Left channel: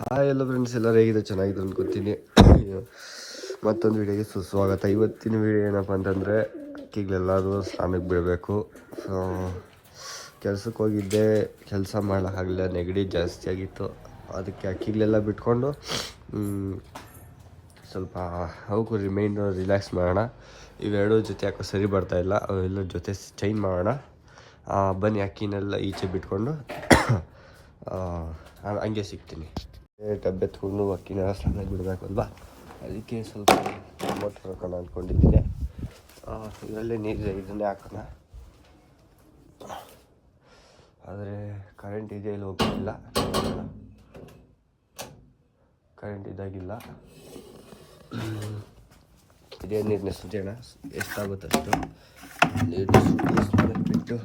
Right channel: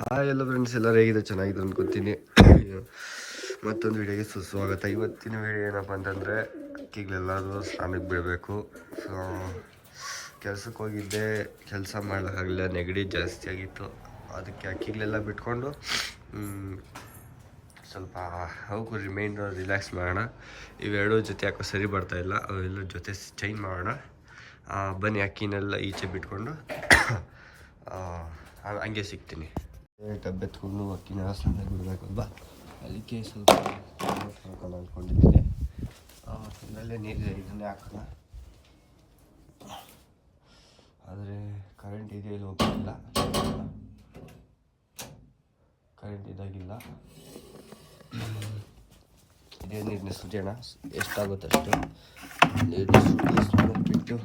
Hi ಎಲ್ಲ friends ಎಲ್ಲರೂ ಹೇಗಿದೆ ಚೆನ್ನಾಗಿದೆ ಅಂದ್ಕೊತೀನಿ ಮತ್ತೊಂದು ವಿಡಿಯೋಗೆ ಸುಸ್ವಾಗತ. ಇವತ್ತಿನ ವಿಡಿಯೋ ಏನಪ್ಪ ಅಂತಂದರೆ ಅಕ್ಕಿಗಳೆಲ್ಲರೂ ಸ್ನಾನಕ್ಕೆ ಬಿಡಬೇಕು. ಸೊ ಕೆಲಸಕ್ಕೆ ಹೋಗಿದ್ದೆ. ಕೆಲಸ ಮಾಡೋಕ್ಕಾಗಲಿಲ್ಲ ನೆಗಡಿ ಜಾಸ್ತಿ ಆಗಿತ್ತು. ಅದಕ್ಕೆ ಅಕ್ಕಿಗಳೆಲ್ಲ ಬಿಟ್ಕೊಂಡು ಸ್ವಲ್ಪ ಹೋಗು ರಿಮೈಂಡ್ ರಿಲ್ಯಾಕ್ಸ್ ಮಾಡೋಣ. ಇವೆರಡೂ ಜೊತೆ ಯಾಕೋ ಸರಿ ಬರ್ತಾ ಇಲ್ಲ. ಅವೆಲ್ಲ ಜೊತೆ ಚೇಂಜ್ ಮಾಡೋಣ. ಬನ್ನಿ, ಅಕ್ಕಿನೆಲ್ಲ ಈಚೆ ಬಿಟ್ಕೊಂಡು ಹಂಗೆ ಸಿಗ್ತೀನಿ. ಡಬ್ಬೆ ತಗೊಂಡು ಅಕ್ಕಿನ ಸ್ನಾನಕ್ಕೆ ಬಿಡಬೇಕಲ್ವಾ ಅದಕ್ಕೆ ಸ್ವಲ್ಪ ಟೊಮೊಟೊ ಹಾಕೋಣ ಅಂದ್ಕೊಂಡಿದ್ದೀನಿ ಇದರಲ್ಲೇ ನೀರು ಇದನ್ನೇ ಹಾಕೋಣ. ಆದರೆ ಕರೆಂಟ್ ಇದೆ ಇಲ್ಲಿ ಹೋಗ್ತಿಲ್ಲ ಕರೆಂಟ್ ಇದಾಗಿಲ್ಲ. ಇದೇ ನೀರನ್ನ ಸುರಿಯೋಣ. ಎಷ್ಟಾಗುತ್ತೆ ಅಷ್ಟು. ನೀರು ಸುರಿ ಸ್ನಾನ ಬಿಟ್ಟು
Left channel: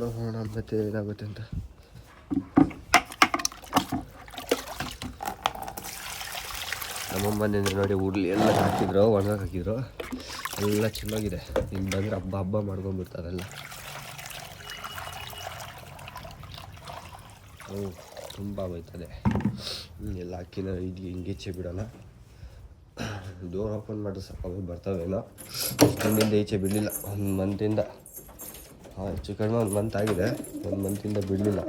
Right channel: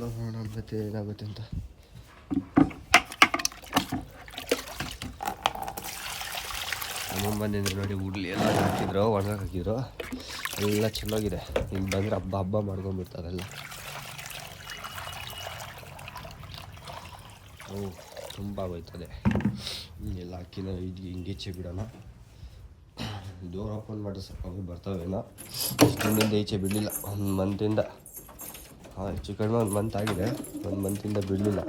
ನೋಡೋಣ ಮತ್ತೆ ಏನಾಗುತ್ತೆ ಅಂತ. ನಮ್ಮಮ್ಮ ಬಂದಿದ್ರೆ ನೋಡಿ ಉಡ್ಲಿ ಎಲ್ಲ ಹಾಕಿದ್ರು ಒಣಗಕ್ಕೆ ಹಾಕಿದ್ರು. ಎಲ್ಲ ಚೆನ್ನಾಗಿದೆ. ಇನ್ನು ಬಂದರೆ ಹಬ್ಬ ಹಬ್ಬ ಮಾಡ್ಕೊಂಡ್ಬಿಡ್ತಾರೆಲ್ಲ ಹ್ಞೂ ತುಂಬ ಬೈತದೆ ಎಲ್ಲ ಅಕ್ಕಿನ ಹಿಂಗೆ ಹಿಂಗೀಚೆ ಬಿಡೋಣ. ಡೋರ್ ಓಪನ್ ಮಾಡಿದ್ರೆ ಸಾಕು ಬರ್ತಾವೇನೋ. ಇಷ್ಟೊಂದಿಂದ ಈಚೆ ಬಿಡಲಿಲ್ಲ. ಒಂದು ಮಂತಿಂದ. ಹಾಂ, ಹೆಚ್ಚು ಕಡಿಮೆ ಒಂದು ಮಂತ್ ಆಗಿದೆ. ಒಂದು ಮಂತಿಂದ ಬಿಡಲಿಲ್ಲ.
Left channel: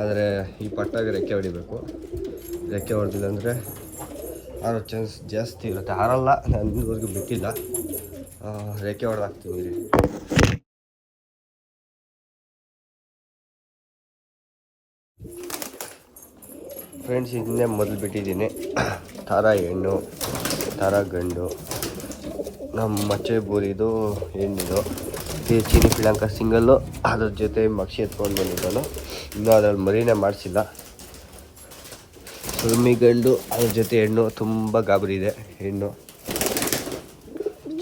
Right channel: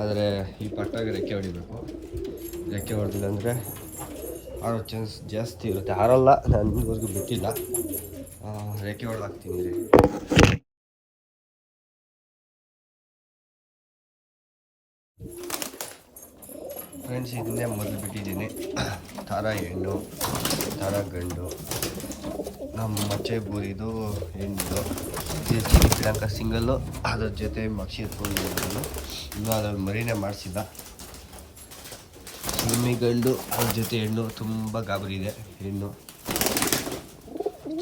ಆದರೆ ಈ ಪಟ್ಟಾಗಿ ರೆಕ್ಕೆ ಹೊಡಿಬೇಕು. ರೆಕ್ಕೆ ಹೊಡೆದಿಲ್ಲ ಅಂದರೆ ಆಡೋ ಚಾನ್ಸ್ ಜಾಸ್ತಿ ಇರುತ್ತೆ. ಆರಲ್ಲ ನಾನು ಇನ್ನೂವರೆಗೂ ಬಿಟ್ಟಿಲ್ಲ. ರೆಕ್ಕೆ ಹೊಡೆದಾಕ್ತೀನಿ ರೀ ಫ್ರೆಂಡ್ಸ್ ಇದನ್ನೇ ಮೊದಲು ಬಿಟ್ಟಿದ್ದೀನಿ. ಥರ ಹೆಣ್ಣು ತಾರಾ ಗಂಡು. ನಮ್ಮ ಮಚ್ಚೆ ಬೂರಿದು, ಹೆಣ್ಣಿದು. ಇದು ಚಿನಿ ಪಿಳಂಕ ಸಿಂಗಲ್ಲು ಅದ್ರ ಜೊತೆ ಮಕ್ಷಿ ಎತ್ಕೊಂಡು ಬಂದಿದ್ದಾನು. ಇನ್ನೂ ಅದ್ರಲ್ಲಿ ಮರಿನೇ ಮಾಡಿಸಿಲ್ಲ. ಸುರುಮಿ ಗಂಡು ಅದ್ರ ಜೊತೆ ಹೆಣ್ಣು, ತುಂಬ ಗಾಬರಿ ಇದೆ, ಹೆಣ್ಣು.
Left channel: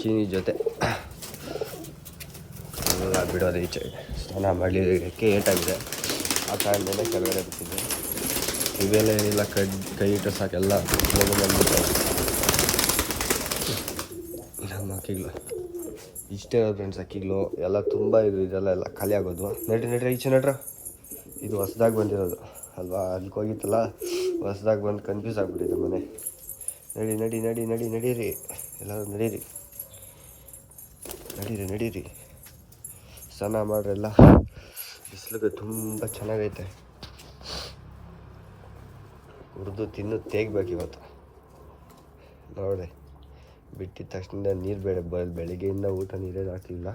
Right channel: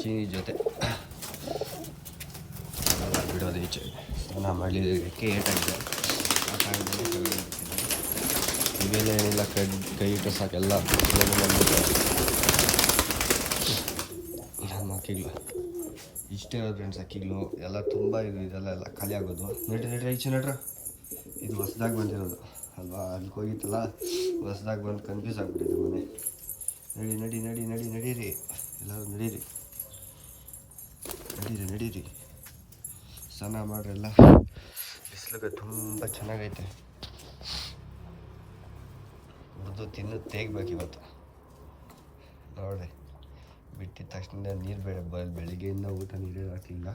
ಚೀನಿ ಜೊತೆ. ಬಿಡೋದು ಈಚೆ. ಸ್ನಾನ ಮಾಡಲಿಕ್ಕೆ ಏಟಾಗಿದೆ. ಆ ಕಾರಣದಿಂದ ಕೆಳಗಡೆ ಬಿಟ್ಟಿದ್ದೆ. ಇವೆಲ್ಲ ಏನಿಲ್ಲ, ಕಡ್, ಕೈ ಇಟ್ಟು ಸಾಕೆಲ್ಲ ನಮ್ಮ ಇಷ್ಟೇ ಫ್ರೆಂಡ್ಸ್ ಅಕ್ಕಿಗಳು. ಎಲ್ಲ ತುಂಬ ಇದು, ಇದೆಲ್ಲ ಎಲ್ಲ ಖಾಲಿ ಆಗೋದು. ನಡ್ರಿ ನಡ್ರಿ, ಈಚೆ ನಡ್ರ. ಇದು ಹೊಸ್ದಾಗಿ ಬಂದಿರೋದು. ಅಲ್ವಾ? ಅಲ್ಲಿಗೆ ಹೋಗಿತ್ತಲ್ಲ? ಹೊಸ್ದಾಗಿ ಬಂದು ಕನ್ಫ್ಯೂಸ್ ಆಗಿಬಿಟ್ಟಿದೆ ಮನೆ. ನಡಿ ನಡಿ ನಡಿ ನಡಿ, ನಡೀರಿ. ಎಲ್ಲರೂ ನಡೀರಿ. ನಡೀರಿ ನಡೀರಿ. ಸ್ನಾನ ಮಾಡ್ರೆಲ್ಲ ಬಿಸಿಲಿಗೆ ತುಂಬ ಚೆನ್ನಾಗೈತೆ. ಹುರಿದು ತಿನ್ನು, ತೇಗ್ಬೇಕು ಇವತ್ತು. ನೋಡಿ ಬಿಟ್ಟಿದ ತಕ್ಷಣ ನೀರು ಬೇಡ ಬ, ಬೆಳಿಗ್ಗೆಯಿಂದ ಊಟ ನೀರೇ ಹಾಕಲಿಲ್ಲ.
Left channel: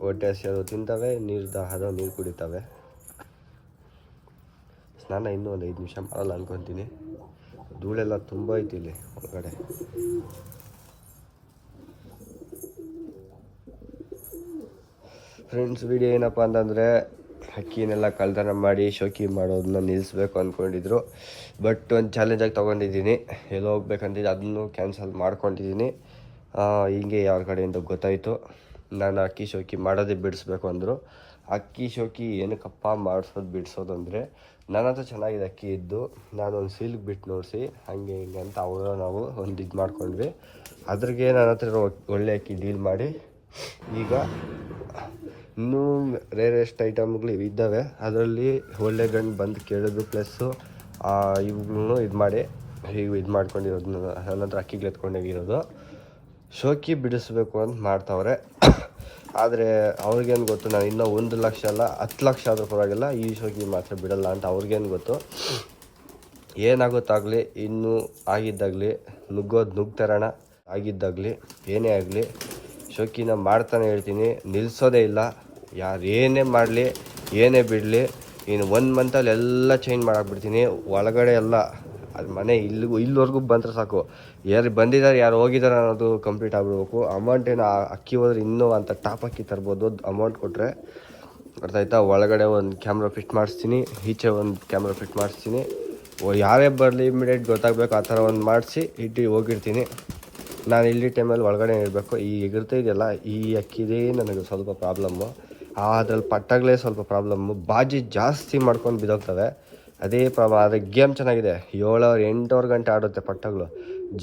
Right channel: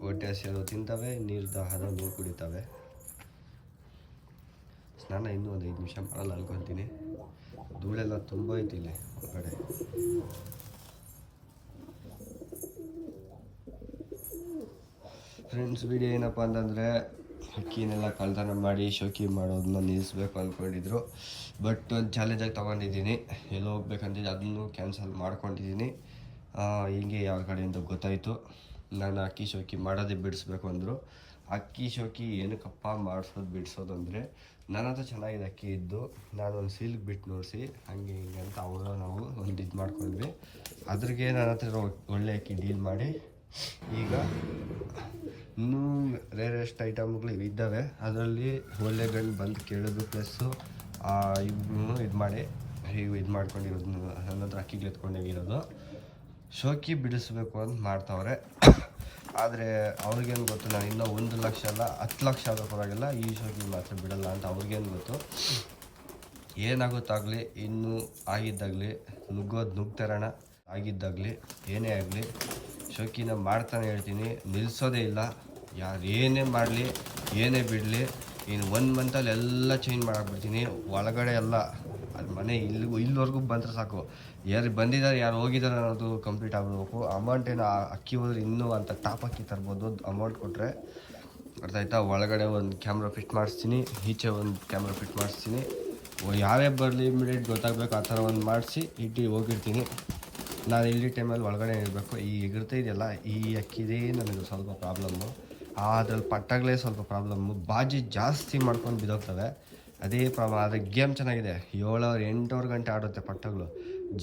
ಹೊಟ್ಟೆ ಹಸಿರು ತಿಂತವೆ, ನೀರು ದಾಹದ ನೀರು ಕುಡಿತವೆ. ಸ್ನಾನ ಇನ್ನೂ ಒಂದು ಐದು ನಿಮಿಷ ಮಾಡಲ್ಲ ಅಂದ್ಕೊತೀನಿ ಧೂಳೆಲ್ಲ ತುಂಬ ಐತಿ ಇಲ್ಲಿ ಒಳಗಡೆ. ಫ್ರೆಂಡ್ಸ್ ವಿಡಿಯೋ ಏನಪ್ಪ ಅಂತಂದರೆ ಅಕ್ಕಿನೆಲ್ಲ ಕಳ್ತನ ಮಾಡಿ ಶೋಕಿ ಮಾಡೋದನ್ನ ನಿಲ್ಲಿಸ್ಬೇಕು ಅಂದ್ಕೊಂಡಿದ್ರು ಬಟ್ ಒಂದು ಚಾಲೆಂಜಾಗಿ ತೊಗೊಂಡಿದ್ದೀನಿ. ಎಲ್ಲೋ ಹೋಗ್ಬೇಕಂತಿದ್ದು ಅದನ್ನು ಕ್ಯಾನ್ಸಲ್ ಮಾಡ್ಕೊಂಡಿದ್ದೀನಿ. ಹಿಂಗೆ ಯಾರ ಕಡೆಯಿಂದ ಗೊತ್ತಾಯಿತು. ನಾನು ಅಕ್ಕಿ ಶೋಕಿ ಮಾಡೋದೇ ಬಿಡಿಸ್ಬೇಕು ಅಂದರು. ಅಕ್ಕಿ ಶೋಕಿ ಏನಕ್ಕಪ್ಪ ಮಾಡಿಸೋದು, ಬಿಡಿಸೋದು ಅಂದರೆ ನನ್ನ ಹತ್ರ ಚೆನ್ನಾಗಿದೆ ಅಕ್ಕಿ ಇದ್ದು. ನಾನು ಒಂದು ಸೀಲ್ಗೆ ಬಿಟ್ಟು ನೋಡಿಸಿ ಹಂಗೆ ಹಿಂಗೆ ಅಂತ ಅವರು ನಾವು ಒಂದು ಇದು ಮಾಡ್ಕೊಂಡ್ವಿ. ಅದ್ರಿಗೆ ನನ್ನ ಹತ್ರ ಒಳ್ಳೆ ಅಕ್ಕಿ ಡೀಲ್ ಮಾಡಿ. ಈಗ ಇನ್ನೂ ರೇರೆಸ್ಟ್ ಐಟಮ್ಗಳು ಇದ್ದಾವೆ. ಅದರಲ್ಲಿ ಒಳ್ಳೆ ಗಂಡು ಬಂದು ಕೇಳೋದು ಪ್ಲಸ್ಸು ಇವುಗಳನ್ನು ಇದು ಮಾಡಿ, ಹೀಗೆ ಇದು ಮಾಡ್ಕೊಂಡಿರೋದು ನನ್ನ ಹತ್ರ ಅಕ್ಕಿಗೆ ಎತ್ಕೊಂಡೋಗಿರೋದು. ಶೋಕಿ ಬಿಡಿಸ್ಬೇಕು ಅಂತ ಮಾಡ್ತಾವ್ರೆ. ಆದರೆ ಅವ್ರಿಗೇನು ಗೊತ್ತು, ನಾನು ಇನ್ನೂ ಒಂದು ಲಕ್ಷ ಅಲ್ಲ, ಹತ್ತು ಲಕ್ಷ ಆದರೂ ಪರವಾಗಿಲ್ಲ, ಈ ಶೋಕಿ ಮಾತ್ರ ಬಿಡಲ್ಲ ಅಂತ ಅವ್ರಿಗೇನು ಗೊತ್ತು. ಏನಾಗುತ್ತಾಗಲಿ, ಇನ್ನೂ ಆಗಿದ್ದಾಗಲಿ, ನುಗ್ಗೋದು ನುಗ್ತರೋಣ. ಆಗಿದ್ದಾಗಲಿ, ಏನೇ ಆಗಲಿ, ಶೋಕಿನ ಮಾಡ್ತಾನೆ ಹೇಳ್ತೀನಿ ನಿಲ್ಲಿಸೋದೇ ಇಲ್ಲ. ಯಾರು ಏನೇ ಮಾಡಲಿ, ಏನೇ ಬಿಡಲಿ, ಇನ್ನು ಒನ್ ಮಂತಲ್ಲಿ ಎಲ್ಲ ಚೇಂಜ್ ಮಾಡಾಕ್ಬಿಡ್ತೀನಿ ಒಳಗಡೆ ಎಲ್ಲ ಅದು ಮನೆ ಇಲ್ಲಿಗೂ ಇಲ್ಲಿವರೆಗೂ ಬಂದರೆ ಸಾಕು. ಯಾರು ಬಂದಿದ್ದಾರೆ ಯಾರು ಹೋಗಿದ್ದಾರೆ ಅನ್ನೋದು ಕಂಪ್ಲೀಟ್ ಆಗಿಬಿಡ್ಬೇಕು. ಅಮೌಂಟ್ ಏನು ಅಕ್ಕಿ ಹೋದ್ರೆ ಇನ್ನೂ ಅಂತ ಟಾಪ್ ಅಕ್ಕಿ ತರ್ಬೋದು ಅಮೌಂಟ್ ಕೊಟ್ಟರೆ ಅರ್ಥ ಆಯ್ತಾ ಒಳಗಡೆ ಒಂದು ಕ್ಯಾಮ್ರಾ ಫಿಟ್ ಮಾಡಿಸ್ತೀನಿ, ಈಚೆ ಒಂದು ಕ್ಯಾಮ್ರಾ ಫಿಟ್ ಮಾಡಿಸ್ತೀನಿ. ಓ, ಯಾರೇ ಬರಲಿ ಇಮಿಡಿಯೇಟ್ ಗೊತ್ತಾಗಬೇಕು, ಆ ಥರ ಒಂದು ಮಾಡಿಸಿ ಇಟ್ಟು ಹೋಗಿರ್ತೀನಿ. ನಾನು ಇಲ್ಲಿ ಟೈಮಲ್ಲಿ ಒಳಗಡೆ ಇರಬೇಕು. ಈ ಎಗರ್ತಾ ಇದೆಯಲ್ಲ, ಈ ಅಕ್ಕಿದೇ ನನಗೆ ಸ್ವಲ್ಪ ಪ್ರಾಬ್ಲಮ್ಮು ಅದ್ರಲ್ಲಿ ಪಟ್ಟಾಗಲೇ ಸ್ವಲ್ಪ ಪ್ರಾಬ್ಲಮ್ಮು ಬಾಜಿ ಜಾಸ್ತಿ ಮಾಡ್ಕೊಂಡು ಬಿದ್ದೋಗ್ತವೆ. ಅದೇ ಪ್ರಾಬ್ ಆದರೆ ಗೇಮ್ ಚೆನ್ನಾಗಿದೆ. ಏಳವರೆ ಎಂಟೂವರೆ ಗಂಟೆ ಆಡುತ್ತೆ ಪಟ್ಟಗಳು.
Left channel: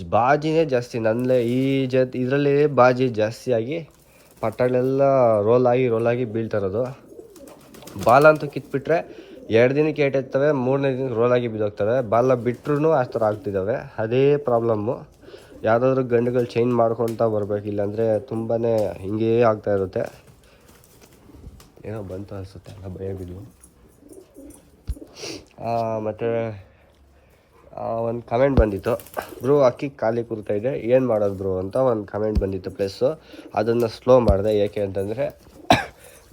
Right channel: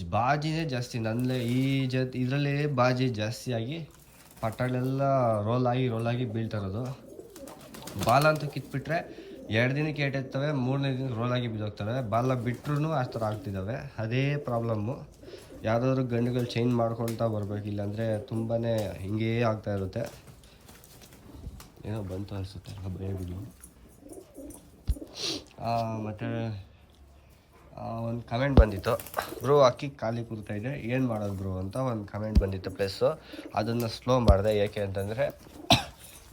ಬಾಜಿನೇ ಜಾಸ್ತಿ. ನನ್ನಲ್ಲೇ ಈ ಜೊತೆ ಇದರಲ್ಲಿ ಬಾಜಿ ಜಾಸ್ತಿಯಾಗಿ ಪಟ್ಟಗಳೆಲ್ಲ ರೋಲ್ ಆಗಿ ರೋಲ್ ಆಗಿ ಬೀಳ್ತಾ ಇರೋದು. ಬಾಲ್ ಅಂತೂ ಕಿತ್ಬಿಟ್ರೆ ಎರಡು ದಿನಕ್ಕೆ ಏಟಿರ್ತವೆ ಮೂರನೇ ದಿನಕ್ಕೆ ರೋಲ್ ಆಗಿ ಬಿದ್ದೋಗ್ತವೆ. ಬಾಲ ಬಿಟ್ರೂ ಆ ಥರ ಆಗ್ತಿದ್ದಾವೆ. ಅದೇ ಪ್ರಾಬ್ಲಮ್ಮು. ಯಾವುದಾದ್ರೂ ಗಂಡುಗಳು ಚೇಂಜ್ ಮಾಡ್ಕೊಳ್ತಾ ಬರಬೇಕು ಇಲ್ಲಾಂದರೆ ತುಂಬಾ ಹಿಂಗೇ ಆಗ್ತಾ ಇರುತ್ತೆ. ಏನೋ ಬಂತು ಅನಿಸುತ್ತೆ, ಎಲ್ಲ ಭಯ ಬಿಡು ಮತ್ತು ಒಂದು ಕಮೆಂಟ್ ಬಂದಿತ್ತು. ಬ್ರೋ ಅಕ್ಕಿ ಖಾಲಿ ಕೂರ್ತಾ ಇದೆ. ಏನು ಮಾಡೋದು ಬ್ರೋ ಅಂತ ಒಂದು ಕಮೆಂಟ್ ಬಂದಿತ್ತು ಪ್ಲಸ್ಸು ಅದನ್ನು ಸ್ಲೋ ಮಾಡಿದೆ. ಏಕೆ ಅಂತಂದರೆ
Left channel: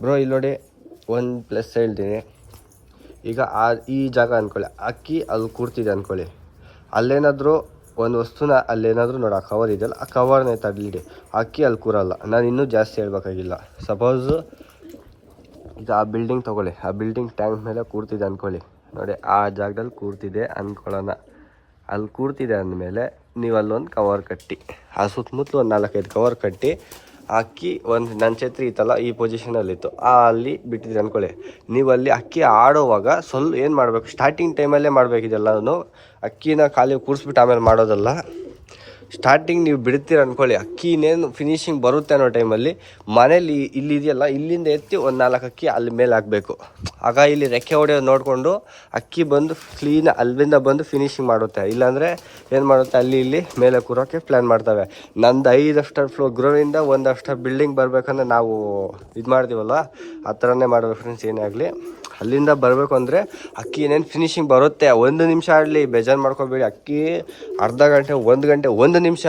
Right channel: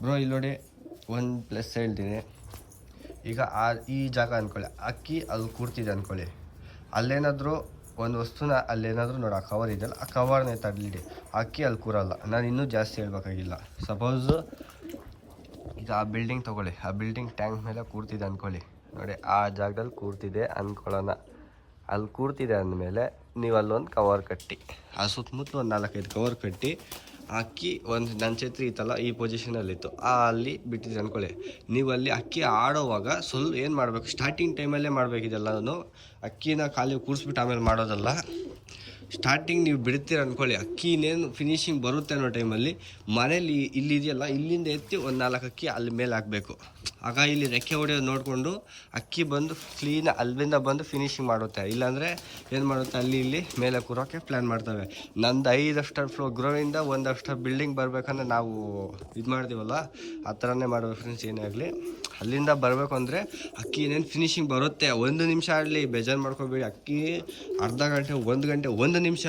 ಬ್ರೋ ಇಲ್ಲಿ ನೋಡಿ, ಒಂದು ಪ್ಲಸ್ ಹೇಳ್ತೀನಿ. ಈಗ ಆ, ಈ ಜಾಗ ಅಂದ್ಕೊಳ್ಳಿ ಅಕ್ಕಿ ಅಲ್ಲಿ ಕೂರ್ತಿದೆ ಅಂದ್ಕೊಳ್ಳಿ ಅಲ್ಲೇನಾದರೂ ಒಂದು ವಸ್ತುನ ಅಲ್ಲೇನಾದರೂ ನೋಡಿ, ಆ ಕವರ್ ಇದೆಯಲ್ಲ, ಆ ಕವರ್ನೇ ತಡಲಿಡಿ. ಅಕ್ಕಿ ಅಲ್ಲಿ ಕೂರಲ್ಲ. ನಾನು ಇನ್ನೂ ಜಾಸ್ತಿ ಹೇಳ್ಬೇಕಾಗಿಲ್ಲ. ಸಪೋಸು ಈಗ ಆ ಬಿಲ್ಡಿಂಗ್ ತೊಗೊಳ್ಳಿ. ಆ ಬಿಲ್ಡಿಂಗ್ ಟ್ಯಾಂಕ್ ಮೇಲೆ ಕೂರ್ತಿದೆ ಅಂದ್ಕೊಳ್ಳಿ ನೋಡಿ, ಆ ಜಾಗದಲ್ಲಿ ಕೂರ್ತಿದೆ ಅಂದ್ಕೊಳ್ಳೋಣ ಅಲ್ಲಿ ಕೂರ್ತಿದೆ ಅಂದಮೇಲೆ ನೀವು ಅಲ್ಲೊಂದು ಕವರ್ ಕಟ್ಟಿ. ಆ ಸುತ್ತಮುತ್ತಲು ಒಂದು ನಾಲ್ಕೈದು ಕವರ್ ಕಟ್ಟಿ, ಅಕ್ಕಿ ಒಂದು ನನ್ನ ಛತ್ರಿ ಇತ್ತಲ್ಲ ಈ ಪೊಸಿಷನಲ್ಲಿತ್ತು ಆ ಅಲ್ಲಿ ಬಿಟ್ಟಿದ್ರಿ ಅಂದ್ಕೊಳ್ಳಿ ನೀವು ಅಲ್ಲಿ ಅಕ್ಕಿ ಆಡೋವಾಗ ಸ್ವಲ್ಪ ಏನು ಮಾಡಬೇಕು? ಸ್ಟಾರ್ಟಿಂಗ್ ಟೈಮಲ್ಲೇ ಮಾಡಬೇಕಿದೆಲ್ಲನೂ ಅಕ್ಕಿನ ಖಾಲಿ ಕೂರಿಸ್ಬಿಟ್ಟು ಆಮೇಲೆ ಮಾಡೋದಲ್ಲ. ಸ್ಟಾರ್ಟಿಂಗ್ ನೀವು ಬಿಡ್ತೀರ ಅನ್ಕೊಳ್ಳಿ. ಅಕ್ಕಿ ಇನ್ನೇನು ಫಿನಿಶಿಂಗ್ ಬರುತ್ತೆ ಅನ್ನೋ ಟೈಮಲ್ಲಿ ಮನೇಲಿ ಇಲ್ಲಿ ಇದೆಯಲ್ಲ, ಇಲ್ಲಿಂದ ಎತ್ತಿ ಒಂದು ನಾಲ್ಕು ಅಕ್ಕಿ ಅಲ್ಲಿ ಮೇಲೆ ಹಾಕಬೇಕು. ಆಗ ಇಲ್ಲಿ ರೆಕ್ಕೆ ಹೊಡೆಯೋದು ನೋಡಿಕೊಂಡು ಅಕ್ಕಿ ಬಂದು ಕ್ಲೀನ್ ಅಲ್ಲಿಂದ ಬಂದು ಫಿನಿಶಿಂಗ್ ಮಾಡುತ್ತೆ. ಇಲ್ಲಾಂದರೆ ಏನು ಮಾಡುತ್ತೆ? ಅಲ್ಲಿ ಇಲ್ಲಿ ಮೇಲೆ ಕೂರೋಕ್ಕೆ ಪ್ಲ್ಯಾನ್ ಮಾಡ್ತವೆ. ನಂದು ಐದು ಫ್ಲೋ ಗ್ರೋವಿಂದ ಒಂದು ಅಷ್ಟರ್ ಬಿಲ್ಡಿಂಗ್ ಬರಬೇಕಂದ್ರೆ ನಾವು ಇದು ಮಾಡ್ತೀವಲ್ಲ ಆ ಥರನೇ ಮಾಡಬೇಕು ಫ್ರೆಂಡ್ಸ್ ಏನೇ ಆಗಲಿ. ಅಲ್ಲಿಂದ ಬರಬೇಕು ಅಂದರೆ ಅಕ್ಕಿ ಏನೇನು ಫಿನಿಶಿಂಗ್ ಬರುತ್ತೆ? ಒಂದು ನಿಮಿಷ ಆಡಲಿ ಬೇಜಾರು ಮಾಡ್ಕೋಬೇಡಿ. ಅಕ್ಕಿ ಅರ್ಧ ಗಂಟೆ, ಒಂದು ಗಂಟೆ, ಒಂದು ನಿಮಿಷ,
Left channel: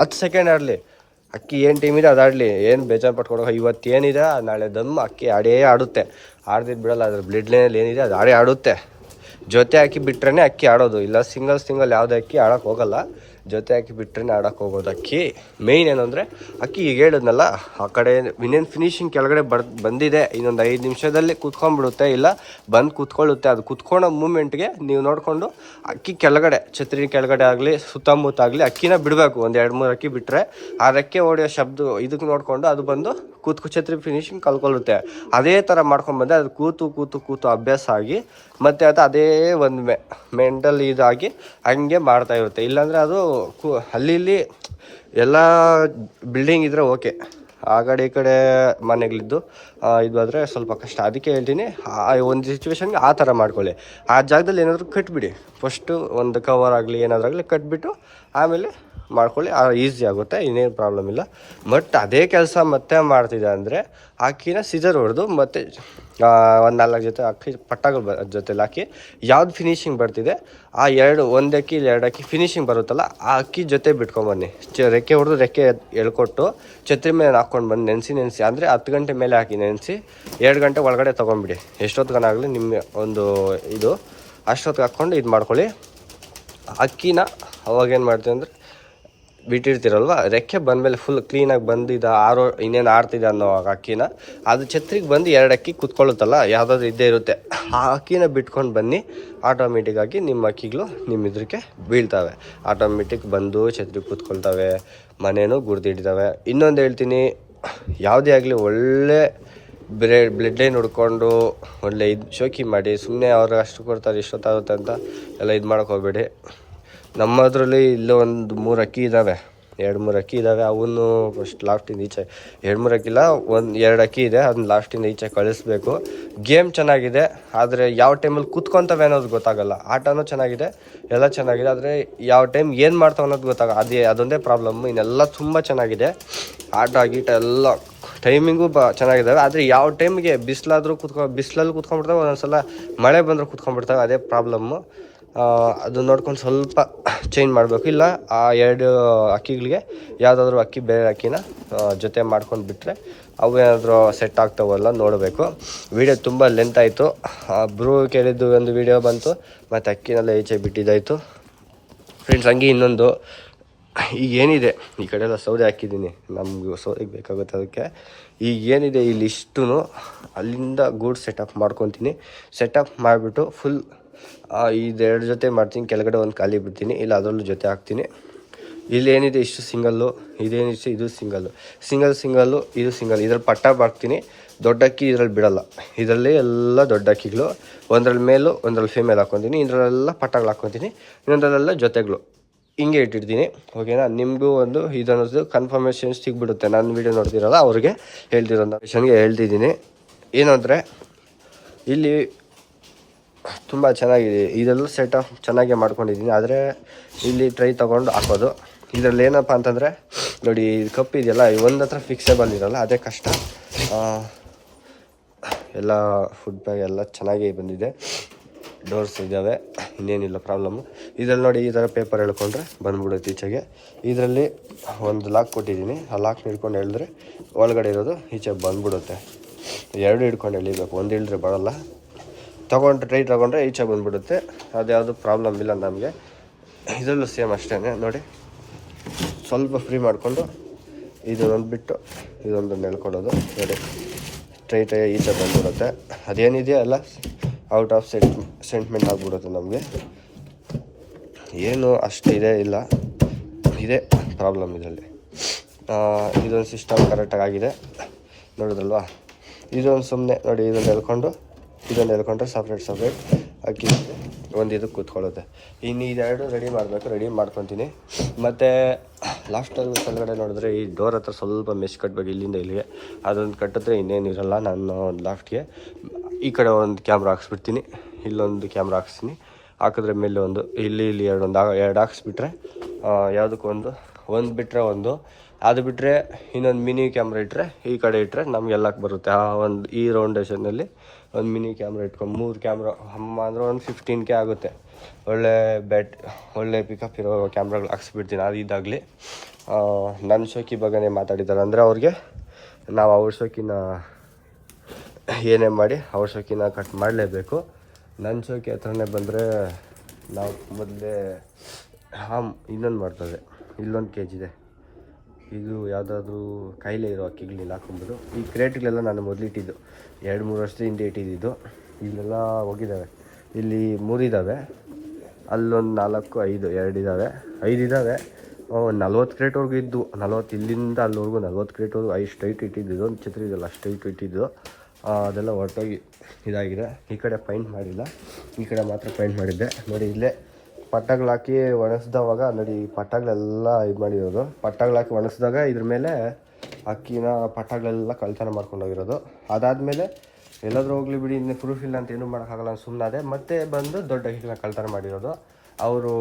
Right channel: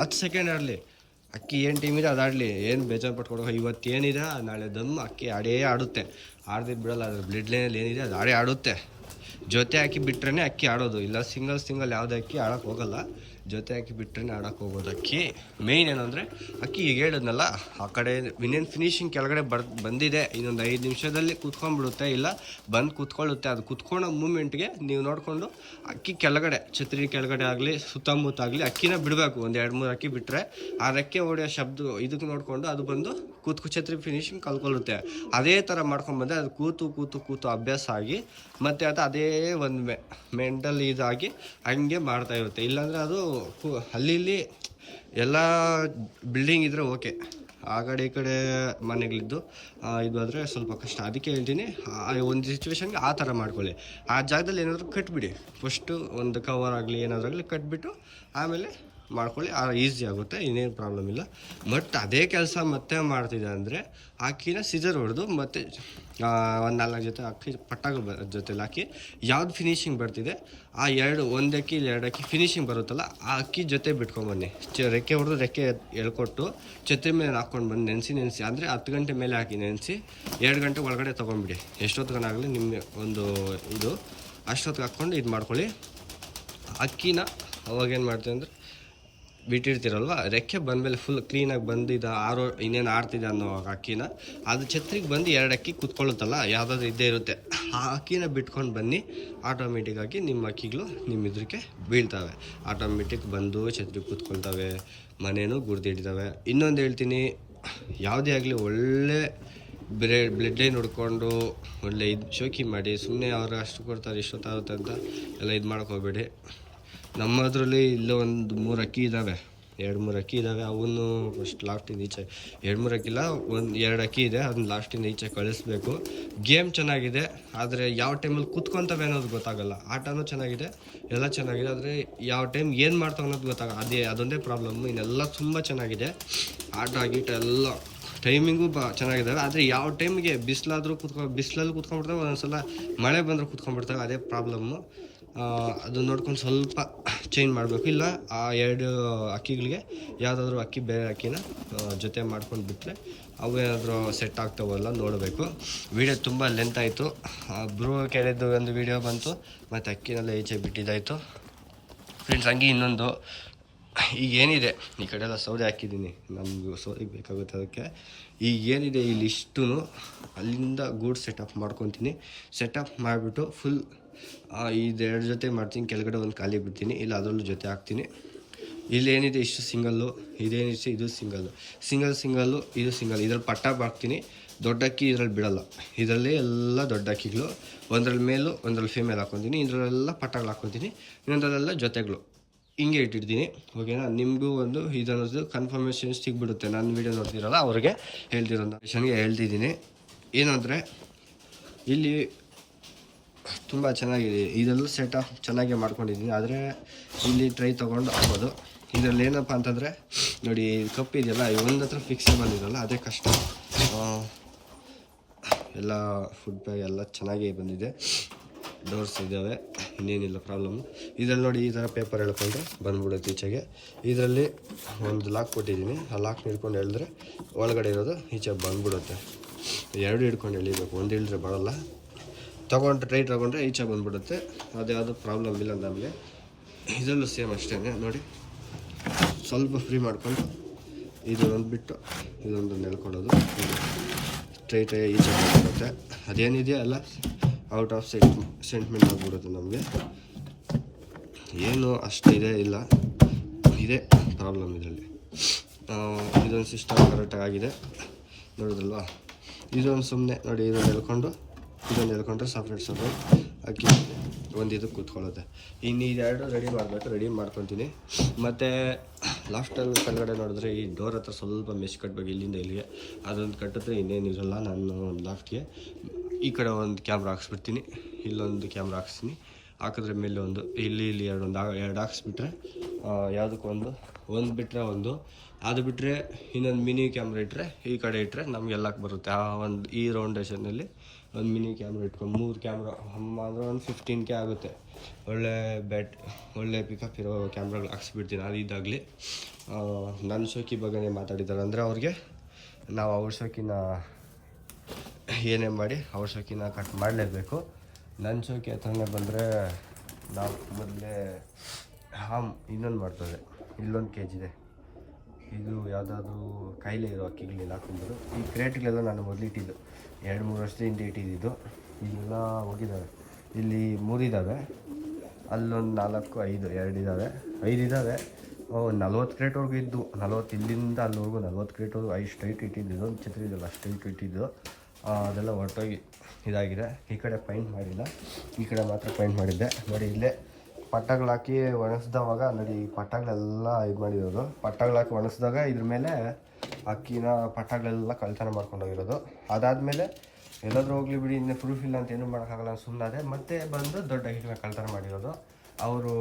ಹತ್ತು ಸೆಕೆಂಡ್ ಆಡಲಿ ಅಕ್ಕಿ ಏನು ಟೀಮ್ ಇದೆ ಅದಾಡಲಿ ಏನು ಬೇಜಾರು ಪಟ್ಕೊಡೋ ಇವತ್ತು ಏನಿದೆ, ನಾಳೆ ದಮ್ ಅಕ್ಕಿ ಆಡೇ ಆಡುತ್ತೆ. ಆಡ್ದಿದ್ದು ಬಿಡಲ್ಲ, ಅದ್ರ ಬ್ಲಡ್ ಲೈನಲ್ಲಿ ಏನಿದೆ, ಅದು ಆಡೇ ಆಡುತ್ತೆ. ಜೊತೆ ಅಕ್ಕಿ ಬಿಟ್ರೇ ಅಕ್ಕಿ ಆಡೋದು. ಇಲ್ಲ ಸಿಂಗಲ್ ಸಿಂಗಲ್ ಯಾವುದೇ ಅಕ್ಕಿ ಆಡೋಕ್ಕೆ ಹೋಗಲ್ಲ. ಜೊತೆ ಹಾಕಿ ಬಿಟ್ರೆ ಆಡೋಕೆ ಹೋಗೋದು ಅಕ್ಕಿ. ಮೇಯ್ನ್ ಏನಂದರೆ, ಅಕ್ಕಿ ಈಗ ಹೇಳಿದ್ನಲ್ಲ, ಆ ಕಡೆ ಇನ್ನೇನು ಫಿನಿಶಿಂಗ್ ಕೆಳಗಡೆ ಬರ್, ಬಂದಿದೆ. ಇನ್ನೊಂದು ಐದು ನಿಮಿಷದಲ್ಲಿ ಕುತ್ಕೊಂಡ್ಬಿಡುತ್ತೆ. ಇಲ್ಲ, ಬಂದು ಕೂತ್ಕೊಳ್ಳುತ್ತೆ. ಅದು ಕುತ್ಕೊಳ್ಳೋ ಮೂಮೆಂಟ್ಗೆ ನೀವು ನೋಡಿಕೊಂಡು ಅಕ್ಕಿ ಕೆಳಗಡೆ ಛತ್ರಿ ಕೆಳಗಡೆ ಆಗಲಿ, ಸುತ್ತಮುತ್ತ ಆಗಲಿ, ಅಕ್ಕಿನ ಬಿಡಬೇಕು. ಒಂದು ಎರಡು ಮೂರು ಅಕ್ಕಿ ಬಿಟ್ಟರೆ ಆ ರೆಕ್ಕೆ ಓಡಿಯೋ ಶಬ್ದ ಇದಕ್ಕೆ ನೋಡಿಕೊಂಡು ಅದು ಬಂದು ಕೂತ್ಕು, ಛತ್ರಿ ಫಿನಿಶಿಂಗ್ ಕಲ್ಕೊಳ್ಳುತ್ತೆ ಅದೇ ಥರ ಮಾಡ್ಕೊಂಡ್ಬಂದೆ ಅದು ಕೂತು ಕೂತು ಕೂತು ಅಭ್ಯಾಸ ಆಗಿ ಮತ್ತು ಅದು ಅದೇ ಒಂದು ಮೆ ಮೆಂಟಲ್ ಇದಾಗಿ ಹಂಗೆ ಮಾಡ್ತಾ ಇರುತ್ತೆ. ಇಲ್ಲಾಂದರೆ ಅದು ಕು ಅಲ್ಲಿ ಇಲ್ಲಿ ಎಲ್ಲ ಬಿಲ್ಡಿಂಗ್ ಇದ್ದರೆ ಓಕೆ ಆ ಕಡೆ ಈ ಕಡೆ ಮನೆಗಳಿದ್ದು ಇದು ಆದರೆ ಸ್ವಲ್ಪ ಕಷ್ಟ. ಅದಕ್ಕೆ ಹೇಳ್ತೀನಿ ಒಂದು ಸಿಚುವೇಶನ್ಗೆ ಆ ಥರ ಮಾಡ್ಕೊಳ್ಳಿ. ಆ ಜಾಗದಲ್ಲಿ ಏನಾದರೂ ಕಟ್ಬಿಡಿ. ಫಸ್ಟು ಒಂದು ಕವರ್ ಆಗಲಿ, ಏನಾದರೂ ಆಗಲಿ ಕಟ್ಬಿಟ್ಟು ಆಮೇಲೆ ಮಾಡ್ಕೊಳ್ಳಿ. ಈಸಿ ಆಗುತ್ತೆ, ಇನ್ನೇನು ಪ್ರಾಬ್ಲಮ್ ಇಲ್ಲ. ಬಟ್ ಅದೇ ಕೆಲಸ ಮತ್ತೆ ಮಾಡ್ತಿದೆ ಅಂದರೆ ಆಕಿನ ಸಿಜರ್ ಹೊಡೆದು ಮತ್ತೆ ಒಂದು ನಾಲ್ಕು ಜೊತೆ ಅಕ್ಕಿ ಪಟ್ಟಗಳು ಬ ಜೊತೆಲಿ ಹಾಕಿ ಯಾವ್ದು ಫಿನಿಶಿಂಗ್ ಬರ್ತಿದೆ, ಆ ಎರಡು ಒಂದು ಅಕ್ಕಿ ಇಲ್ಲಿ ಎರಡು ಅಕ್ಕಿ ಫಿನಿಶಿಂಗ್ ಬರುತ್ತಲ್ಲ, ಆ ಅಕ್ಕಿ ಜೊತೆ ಬಿಟ್ಕೊಂಬನ್ನಿ ಚ ರೆಕ್ಕೆ ಹೊಡೆದು ರೆಕ್ಕೆ ಎಳ್ಕೊಟ್ಟು ಛತ್ರಿ ಮೇಲೆ ಹಾಕ್ಕೊಂಡು ಬಂದು ನೆನೆಸಿ ನೆನೆಸಿ. ಅಂದರೆ ಹತ್ತು ಗಂಟೆ ಮೇಲೆ ಹಾಕಿ ನೆನೆಸಿ, ಎರಡು ಗಂಟೆ ಒಳಗಡೆ ತೊಗೊಂಬಿಡಿ ಎಷ್ಟೊತ್ತಿಗನಾಗಲಿ ನಿಮ್ಮ ಒಂದು ಇದು. ಅಷ್ಟೊತ್ತಿಗೆ ಹಾಕ್ಕೊಂಡು ಇದು ಮಾಡ್ಕೊಳ್ಳಿ. ಅಕ್ಕಿನ ಅವಾಗೇನು ಮಾಡ್ತೀವಿ ಅಂದರೆ ಬಿಟ್ಟಿರ್ತೀರಲ್ವ? ರೆಕ್ಕೆ ಬಂದಮೇಲೆ ಫುಲ್ ಕ್ಲೀನಾಗಿ ಬಂದಿದ್ದ ಆರೋ, ಇನ್ನೇನು ಆಡ್ತಿದೆ ಅನ್ನೋ ಅಕ್ಕಿನ, ಅದು ಛತ್ರಿಗೆ ಬಂದು ಎರಡು ಅಕ್ಕಿ ಕುತ್ಕೊಳ್ಳುತ್ತಲ್ಲ, ಯಾವುದಾದ್ರು ಇದ್ದೇ ಇರುತ್ತೆ. ಆ ಅಕ್ಕಿನ ಬಿಟ್ಕೊಂಡು ಬನ್ನಿ ಆಟೋಮೆಟಿಕ್ಕಾಗಿ ನಿಮ್ಮ ಅಕ್ಕಿಗಳು ನಿಮ್ಮ ಇದಕ್ಕೆ ಬೀಳ್ತವೆ. ಆಟೋಮೆಟಿಕ್ ಬಂದು ಛತ್ರಿಗೆ ಕೂತ್ಕೊಳ್ತವೆ, ಮನೇನೂ ಗುರ್ದಿಡ್ತವೆ ಇನ್ನೊಂದು ಹೇಳ್ತೀನಿ, ಯಾವುದೇ ಆಗಲಿ ಒಳ್ಳೆ ಬ್ರೆ ಬ್ಲಡ್ ಲೈನ್ ಹುಡ್ಕೊಂಡು, ಒಳ್ಳೆ ಇದು ಶೋಕಿ ಮಾಡಿ ಸುಮ್ಮನೆ ಅವ್ರು ಅಷ್ಟು ಕೊಡ್ತಾರೆ, ಇಷ್ಟೊತ್ತಾಗುತ್ತೆ ಅಂತ ಎಲ್ಲ ಇದು ಮಾಡೋಕೆ ಹೋಗಬೇಡಿ. ನಮ್ಮದ್ರಲ್ಲಿ ಇಲ್ಲೇ ಒಂದು ಮೂರು ಅಕ್ಕಿ ಇದ್ದಾವೆ ಎರಡು ಮೂರು ಅಕ್ಕಿ ಇದ್ದಾವೆ ಅವನ್ನು ಫಸ್ಟ್ ಲಾಸ್ಟಿಂದ ಈಚೆ. ಎರಡು ಮೂರು ಅಕ್ಕಿಲ್ಲ, ಒಂದು ಎರಡು ಅಕ್ಕಿ ಇದೆ. ಅದನ್ನ ಲಾಸ್ಟಿಂದ ಈಚೆ ಕಳಿಸ್ಬೇಕು. ಗೇಮ್ ಚೆನ್ನಾಗಿದೆ. ಆದರೆ ಯಾವ ಟೈಮಲ್ಲಿ ಕೂತ್ಕೊತವೆ ಅನ್ನೋದು ಗೊತ್ತಾಗಲ್ಲ. ಆಟನೂ ಚೆನ್ನಾಗಿದೆ, ಎಲ್ಲ ಚೆನ್ನಾಗಿದೆ. ಆದರೆ ಯಾವ ಟೈಮ್ ಏನು ಮಾಡ್ತಾವೆ ಅನ್ನೋದು ಗೊತ್ತಾಗ ಅದೇ ಅದೊಂದೇ ಪ್ರಾಬ್ಲಮ್ಮು ಇನ್ನೆಲ್ಲ ತುಂಬ ಚೆನ್ನಾಗಿದೆ. ಆಟ, ಗೀಟ ಎಲ್ಲ ಟೈಮಿಂಗು ಬ ಚೆನ್ನಾಗಿದ್ದಾವೆ ಆದರೆ ಯಾವ ಟೈಮ್ಗೆ ಬಿಸಿಲಾದರೂ ಕುತ್ಕೊ ಬಿಸಿಲಲ್ಲಿ ಕುತ್ಕೊಂಡ್ಬಿಡ್ತಾವೆ, ಒಂದೊಂದ್ಸಲ ಮಳೆ ಬಂದರೂ ಕುತ್ಕೊಂಡ್ಬಿಡ್ತಾವೆ, ಅದೇ ಪ್ರಾಬ್ಲಮ್ಮು ಅದು ನೋಡ್ಕೊಂಡು ಸ್ವಲ್ಪ ಚೇಂಜ್ ಮಾಡಬೇಕು. ಇಲ್ಲ, ಆ ಎರಡು ಅಕ್ಕಿಗಳಿಗೆ ಯಾವುದಾದ್ರೂ ಅಕ್ಕಿ, ಬೇರೆ ಅಕ್ಕಿನ ಜೊತೆ ಮಾಡ್ಕೊಂಡು ಬಿಟ್ಟರೆ ಅವು ಏನಾದರೂ ಸೆಟ್ ಆಗ್ತಾವಲ್ಲ ನೋಡಬೇಕು. ವಿಡಿಯೋ ತುಂಬ ಲೆಂತ್ ಆಯಿತು. ಬ್ರೂ ಕೇಳಿದ್ದು ಒಂದು ವಿಡಿಯೋ ಬಂತು, ಮತ್ತು ಅಕ್ಕಿನೆಲ್ಲ ಈಚೆ ಬಿಟ್ಟಿದ್ದಾಯಿತು. ಫ್ರೆಂಡ್ಸ್ ಹಂಗೆ ಇನ್ನೊಂದು. ಈಗ ಏನಿದೆ ಈ ಕಡೆ ಎಲ್ಲ ಸೌದೆ ಹಾಕಿದ್ದೀನಿ. ನಮ್ಗೆ ಸೌದೆಗೆ ಬೇಕಾಗುತ್ತೆ ಅದಕ್ಕೆ. ಈಗ ಏನಿದೆ ಇಲ್ಲಿ ಇಷ್ಟು ಅಲ್ಲಿಂದ ಗೂಡ್ ಸೆಟಪ್ ಮಾಡ್ಕೊತೀನಿ. ಸೆಟಪ್ ಮಾಡಿಬಿಟ್ಟು ಫುಲ್ ಇದೆರಡು ಜೊತೆ ಮಾಡ್ತೀನಿ. ಕೆಳಗಡೆ ಒಂದು ಖಾಲಿ ಬಿಡ್ತೀನಿ. ಇಲ್ಲ, ಅದರಲ್ಲೂ ಜೊತೆ ಹಾಕ್ತೀನಿ. ಇಲ್ಲಿ ಏನಿದೆ ಇಷ್ಟು ಸಿಂಗಲ್ಲು ಇದೇನಿಷ್ಟು ಇದು ಸಿಂಗಲ್ಲು ಸಿಂಗಲ್ ಸಿಂಗಲ್ಲು ಇದು ಸಿಂಗಲ್ ಇದ್ರಲ್ಲಿ ಪಟ್ಟ ಬಾಕ್ತೀನಿ ದೊಡ್ಡ ಅಕ್ಕಿ ಇದ್ರಲ್ಲಿ ಬಿಡಲ್ಲ. ಇದರಲ್ಲಿ ಎಲ್ಲ ದೊಡ್ಡ ಅಕ್ಕಿಗಳು. ಒಂದ್ರಲ್ಲಿ ಮೇಲು ಒಂದ್ರಲ್ಲಿ ಫೀಮೇಲ್ ಹಾಕ್ಕೊತೀನಿ. ಇದರಲ್ಲೆಲ್ಲ ಪಟ್ಟಗಳು ಹಾಕ್ಕೊತೀನಿ. ಇನ್ನೊಂದರಲ್ಲೆಲ್ಲ ಜೊತೆಗಳು. ಹಿಂಗೆ ಇಟ್ಟಿರ್ತೀನಿ ಓಕೆನಾ ನಿಮಗೂ ಒಂದು ಇದನ್ನೋದು ಕನ್ಫರ್ಮೇಷನ್ ಸಿಗ್ಬಿಡುತ್ತೆ. ನಾನು ವೀಡಿಯೋ ನೋಡ್ತಿರಲ್ಲ, ಅವ್ರಿಗೆ ಹೇಳ್ತಿರೋ ವಿಷನ್ಗೆ ಹೇಳ್ತಿದ್ದೀನಿ. ಏನಂದರೆ, ಇಲ್ಲಿ ತುಂಬ ಚೆನ್ನಾಗಿದೆ. ಇದೆಲ್ಲ ಸೆಟ್ ಚೆನ್ನಾಗೇ ಮಾಡ್ಕೊಂಡಿದ್ದೀನಿ. ಆದರೆ, ಇಲ್ಲಿ ಟ್ರೈ ತೊಗೊಂಡು ಹಾಕೋದು. ಇದರಲ್ಲಿ ಏನಪ್ಪ ಅಂತಂದರೆ, ನೋಡಿ ಕಪ್ ಇದೆಯಲ್ಲ ಒಂದು ಹತ್ರ ಫಿಕ್ಸೇಬಲ್ ಇರಲ್ಲ, ಅದೇ ಕಷ್ಟ. ಎಲ್ಲ ಫುಡ್ ಬ್ಯಾಗ್ ಎಲ್ಲ ಚೆನ್ನಾಗೇ ಬಂದಿದೆ. ಡೋರ್ಸ್ ಇದ್ದಾವೆ ಇನ್ನೇನಿಲ್ಲ ಪ್ರಾಬ್ಲಮ್ಮು ಇದರಲ್ಲಿ ನೋಡಿ ಈ ಥರ ಪೇಪರ್ ಹೇಳ್ಕೊಂಡ್ರೆ ಬಂದ್ಬಿಡುತ್ತೆ ಈಚೆಗೆ. ಇದರಲ್ಲಿ ಒಂದು ಲಾಕ್ ಕೊಟ್ಟಿದ್ದೀನಿ. ಆ ಲಾಕ್ ಹಿಡ್ಕೊಂಡು ಹೇಳಿದ್ರೆ ಒಳಗಡೆ ಇರೋದು ಈಚೆ ಬಂದ್ಬಿಡುತ್ತೆ. ಎರಡು ಹಿಡ್ಕೊಂಡು ಎಳಿಬೇಕು. ಒಂದು ಇಳಿದ್ರೆ ಬರೋಲ್ಲ. ತೊಗೊಂಡ್ರೆ ಟ್ರೈ ತೊಗೊಂಡ್ರೆ ಈಚೆ ಬಂದ್ಬಿಡುತ್ತೆ. ಅದ್ಯಾವುದು ಪ್ರಾಬ್ಲಮ್ ಇಲ್ಲ ನಮಗೆ. ಇದರಲ್ಲೂ ಸೇಮ್ ಅಷ್ಟೇ ನೋಡಿ. ಸ್ವಲ್ಪ ಫ್ರೀ ಮಾಡಿಕೊಂಡು ಇದೊಂದು ಬಿಟ್ಟು ಇದೊಂದು ಎಳ್ಕೊಳ್ಳೋದು. ನೋಡಿ. ಸ್ಟ್ರೈಟಾಗಿ ಈಚೆ ಬಂದ್ಬಿಡುತ್ತೆ. ಅದೇನಿದೆಯೋ ಎಲ್ಲ? ಔಟ್ ಆಫ್ ಸೆಂಟ್ ಸೆಂಟ್ಮೆಂಟ್ ಆಗಿಬಿಡುತ್ತೆ ನಮಗೆ. ಏನು ಅಷ್ಟು ಇದೇ ಇಲ್ಲ. ಇದೇ ಪ್ರಾಬ್ಲಮ್ ಇದರಲ್ಲಿ. ಇದೊಂದು ಸಿಸ್ಟಮ್ ಕರೆಕ್ಟಾಗಿ ಆಗಿದೆ. ನೋಡಿದ್ರಲ್ವಾ? ಇದೊಂದು ಸುಮ್ಮನೆ ನೋಡಿ, ಇದನ್ನು ಎಳ್ಕೊಂಡು, ಇದನ್ನು ಎಳ್ಕೊಂಡ್ರೆ ಸಪ್ರೇಟ್ ಸಪ್ರೇಟ್ ಅಕ್ಕಿ ಒಂದು ಇದಕ್ಕೆ ಕೂತ್ಕೊಳ್ಳುತ್ತೆ. ಇನ್ನು ಇದೆರಡು ರೆಡಿ ಮಾಡಬೇಕು ರೆಡಿ ಮಾಡ್ಕೊತೀನಿ. ಮತ್ತು ಲಾಸ್ಟಲ್ಲಿ ಕೆಳಗಡೆ ನೋಡಿದ್ರೆ ಈ ಡೋರ್ ಹತ್ರ ಸ್ವಲ್ಪ ಮೆಸ್ ಕಟ್ಟಬೇಕು ಇಲ್ಲಿಂದ ಇಲ್ಲಿಗೆ. ಅದೊಂದು ಕಟ್ಟಿದ್ರೆ ಇನ್ನೇನು ಇರೋಲ್ಲ. ನಾನು ಒಂದು ಲಾಫ್ಟ್ಗೆ ಈ ಕಡೆ ಒಂದು ಕ್ಯಾಮ್ರಾ ಹಾಕ್ಸ್ಬಿಡ್ತೀನಿ. ಇಲ್ಲೊಂದು ಕ್ಯಾಮ್ರಾ ಹಾಕ್ಸ್ತೀನಿ. ಹಾಕಿದ್ರೆ ಮೇಲೆ ಒಂದು ಇಲ್ಲಿ ಇಲ್ಲಿ ಎರಡು ಒಂದು ಎರಡು ಹಾಕ್ಸ್ಬಿಟ್ರೆ ಯಾವುದಕ್ಕೂ ಒಂದು ಒಂದು ಬಿಟ್ಟರೆ ಒಂದು. ಅದು ಬಿಟ್ಟರೆ ಇನ್ನೊಂದು ಮಿನಿ ಕ್ಯಾಮ್ರಾ ಇಟ್ಟರೆ ಈ ಕಡೆ ಇಟ್ಟರೆ ನಮಗೆಲ್ಲಕ್ಕೆ ಬರುತ್ತೆ. ಆ ಒಂದು, ಈ ರೌಂಡೇಷನಲ್ಲಿ ಒಂದು ಮಿನಿ ಕ್ಯಾಮ್ರಾ ಇಟ್ಕೊಂಡು ಮೂರು ಕ್ಯಾಮ್ರಾ, ಅಮ್ಮ ಅಂದರೆ ಒಂದು ಫಿಫ್ಟೀನ್ ಕೆ ಆಗುತ್ತೆ. ಒಳ್ಳೆ ಬ್ಯಾಟ್ ಒಳ್ಳೆ ಪಿಕಪ್ ಇರೋ ಕ್ಯಾಮ್ರಾಗಳು ಹಾಕ್ಸ್ಬಿಡ್ತೀನಿ. ಅದು ಇದಾಗಲಿ. ನನ್ನ ಶೋಕಿ ಬಗ್ಗೆ ಮಾತಾಡಿದ್ದಾರೆ. ಅಂದರೆ ಅವ್ರಿಗೆ ನಾವು ಅವ್ರ ಶೋಕಿನ ಏನೇ ಮಾಡಿ ಅವ್ರ ಶೋಕಿನ ಕಟ್ ಮಾಡಲೇಬೇಕು. ನನ್ನ ಹೋಗಿ ಹತ್ರನೇ ಬಂದರೆ ನಾವು ಮೊದಲೇ ಹಾಮ್ ಇನ್ನೊಂದು ಮಾಡ್ತದೆ. ಇಲ್ಲೊಂದು ಕೆ ಜಿ ಇದೆ. ಇದು ಯಾವುದಾದ್ರೂ ಕಾಯಿಲೆ ಇರೋ ಅಕ್ಕಿಗಳಿಲ್ಲ ಹಾಕೊಂಬೋದು ಈ ಕ್ರೇಟ್ಗಳೆಲ್ಲ ನಾನು ಮೊದಲಿಟ್ಟಿದ್ದು ಎರಡು ಮೂರು ವರ್ಷದ ಹಿಂದೆ ಇಟ್ಟಿದ್ದು ಇಲ್ಲೆಲ್ಲ ಹೋಗಿದ್ದಾವೆ ಇಲ್ಲಿ ಮೂರಿದ್ದಾವೆ ಅಲ್ಲೊಂದು ನಾಲ್ಕು, ಐದು, ಎರಡು ಇದ್ದಾವೆ ಐದು ಇದ್ದಾವೆ ನಲ್ವತ್ತು ಕ್ರೇಟ್ವರೆಗೂ ಇದ್ದು. ನಲ್ವತ್ತು ಇಲ್ಲಿಂದ ಅಲ್ಲಿವರೆಗೂ ನಲ್ವತ್ತು ಕ್ರೇಟ್ವರೆಗೂ ಐದು ಸ್ಟ್ರೈಟ್ ಇಟ್ಟಿದ್ದು ಒಂದು ಚಿತ್ರ ಇದೆಲ್ಲ ಸ್ಟ್ರೈಟ್ ಇಟ್ಟಿದ್ದು. ಅದೆಲ್ಲ ಹೊರಟೋಗಿ ಇದಾಗಿದೆ. ಈ ಕಡೆ ಪೈಂಟ್ ಮಾಡಿಲ್ಲ. ಈ ಕಡೆ ಮಾತ್ರ ಪೈಂಟ್ ಮಾಡಿದ್ದೆ. ನೋಡಿ, ಇಲ್ಲೇ ಪಟ್ಟಗಳು ಹಾಕಿ ಒಣಗಿಸ್ದವಾಗ, ನೋಡಿ, ಈ ಪಟ್ಟಗಳೆಲ್ಲ ಇದು ಮಾಡಿರೋದು. ಪಟ್ಟಗಳು ಹಾಕಿ ಒಣಗಿಸಿದಾಗ ಇದ್ರ ಮೇಲೆ ಅಕ್ಕಿನ ಪಟ್ಟಗಳೆಲ್ಲ ಕಳ್ತನ ಮಾಡ್ಕೊಂಡೋಗಿರೋದು. ಅದಾದಮೇಲೆ ಎಲ್ಲಾದರೂ ಹೋಗ್ಲಿ ಬಿಡಿ, ಇನ್ನೇ ಪ್ರೂಫ್ ಇಲ್ಲ ಅಂತ ಏನೂ ಮಾಡೋಕ್ಕಾಗಲ್ಲ ಸುಮ್ಮನಾದೆ ಮತ್ತೆ ಬಂದು ದೊಡ್ಡ ಅಕ್ಕಿನ ಕಳ್ತನ ಮಾಡಿರೋದು. ಅವರು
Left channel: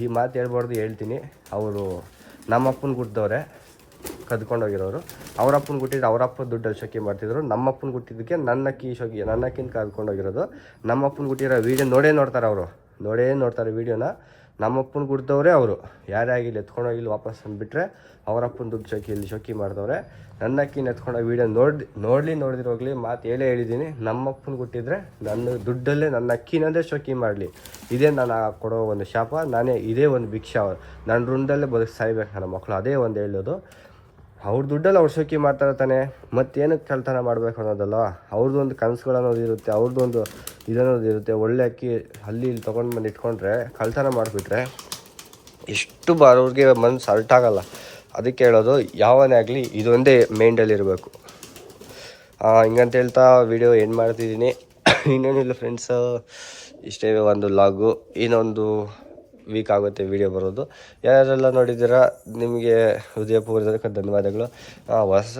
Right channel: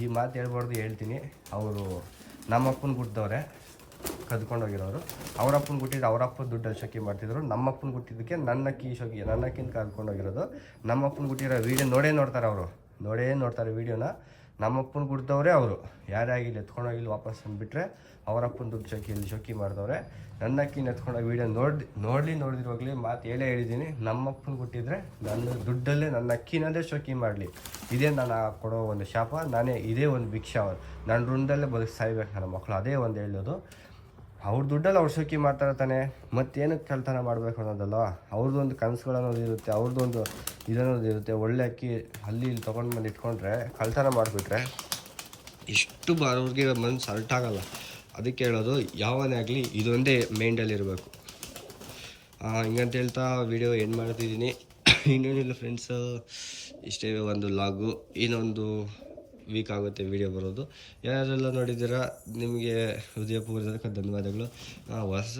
ಈ ಮಾತು ಹೇಳ್ಬಾರ್ದು ಹೇಳ್ತೀನಿ. ಅವರು ನಮ್ಮ ಅಪ್ಪನ ಗುಡ್ದವ್ರೆ. ಕದ್ಕೊಂಡೋಗಿರೋರು. ಅವರಪ್ಪನ ಗುಟ್ಟಿದ್ದು ಅವ್ರ ಅಪ್ಪ ದುಡ್ಡಲ್ಲಿ ಶೋಕಿ ಮಾಡ್ತಿದ್ರು. ನಮ್ಮ ಅಪ್ಪನ ಗುಟ್ಟಿದ್ದಕ್ಕೆ ನನ್ನ ಅಕ್ಕಿ ಶೋಕಿ ನನ್ನ ಅಕ್ಕಿನ ಕದ್ಕೊಂಡೋಗಿರೋದು. ನಮ್ಮ ಅಪ್ಪನ ಗುಟ್ಟಿರೋ ವೀಡಿಯೋ ನೋಡೇ ನೋಡ್ತಾರೆ ಅವರು. ನೋಡೇ ನೋಡ್ತಾರೆ ವೀಡಿಯೋನ ನಮ್ಮ ಅಪ್ಪನ ಗುಡ್ದವ್ರೆ ಅವರು. ಯಾರೇ ಆಗಿಲ್ಲ ಎತ್ಕೊಂಡೋಗಿಲ್ಲ ವಾಪಸ್ ಅಂದ್ಬಿಟ್ರೆ ಅವರಪ್ಪನ ದುಡ್ಡು ಶೋಕಿಯಲ್ಲಿ ಶೋಕಿ ಮಾಡಿದವ್ರೆ. ನನ್ನ ಅಕ್ಕಿನ ಎತ್ಕೊಂಡೋಗ ವೀಡಿಯೋ ನೋಡಿ ನೋಡಲಿ ನೋಡಿದಿರೋಗ್ಲಿ ಮಾತು ಹೇಳೇ ಹೇಳಿದ್ದೀನಿ. ನಮ್ಮ ಅಪ್ಪನ ಗುಟ್ಟಿದ್ರೆ ನನ್ನ ದುಡ್ಡಲ್ಲೇ ನನ್ನ ಅಕ್ಕಿನಂದೇ ಶೋಕಿ ಮಾಡಲಿ. ಇದೇ ನಾನು ಕೊಡೋ ಒಂದು ಶಾಪ, ನಾನೇ ಇದೇ ಒಂದು ಭಿಕ್ಷಾ ನನ್ನ ಋಣದಲ್ಲೇ ಬದುಕಿ ಸಾಯ್ಬೇಕು ನನ್ನ ಮಕ್ಕಳು ಅದೇ ಒಂದು ಹೇಳೋದು. ಅವ್ರ ದುಡ್ಡಲ್ಲಿ ಅವ್ರು ಶೋಕಿ ಮಾಡ್ತಾರೆ ತಾನೆ ಮತ್ತೇನಕ್ಕೆ ಕಳ್ತನ ಮಾಡಬೇಕು ಅನ್ನೋದಲ್ಲ ಅವ್ರದ್ದು ಒಂದು ಕನಸುಗಳು ಅನ್ನೋದು ಇರುತ್ತೆ ಅವ್ರದ್ದು ಒಂದು ಇದನ್ನೋದು ಇರುತ್ತೆ. ಒಳ್ಳೆ ಅಕ್ಕಿ ಅಲ್ಲಿ ಇಲ್ಲಿ ತೊಗೊಂಡು ಬಂದು ಇಟ್ಕೊಂಡ್ರೆ, ಕಳ್ತನ ಮಾಡಿಬಿಟ್ರೆ ಎಷ್ಟು ಬರೋರಿಗೆ ಮನ್ಸು ಅಲ್ಟಾಗಲ್ಲ ಅದಕ್ಕೆ ಹೇಳೋದು, ಯಾವನೇ ಆಗಲಿ ಇದೊಂದೇ ಮೈಂಡಲ್ಲಿರಬೇಕು ಹಿಂಗಂತ ಹೇಳ್ತಾ ವಿಡಿಯೋ ಏನು ಮಾಡ್ತಿದ್ದೀನಿ. ಇನ್ನೇನಿಲ್ಲ ಫ್ರೆಂಡ್ಸು ಇಷ್ಟೇ ಒಂದು ಲಾಗು ಇನ್ನೊಂದು ವೀಕ್ ಆಗುತ್ತೆ ವಿಡಿಯೋ ಬರೋದು. ಯಾರೆಲ್ಲ ನೋಡಿದ್ದೀರಾ ನಿಮಗೆ ಹೃದಯಪೂರ್ವಕ ಧನ್ಯವಾದಗಳು. ಹೊಸ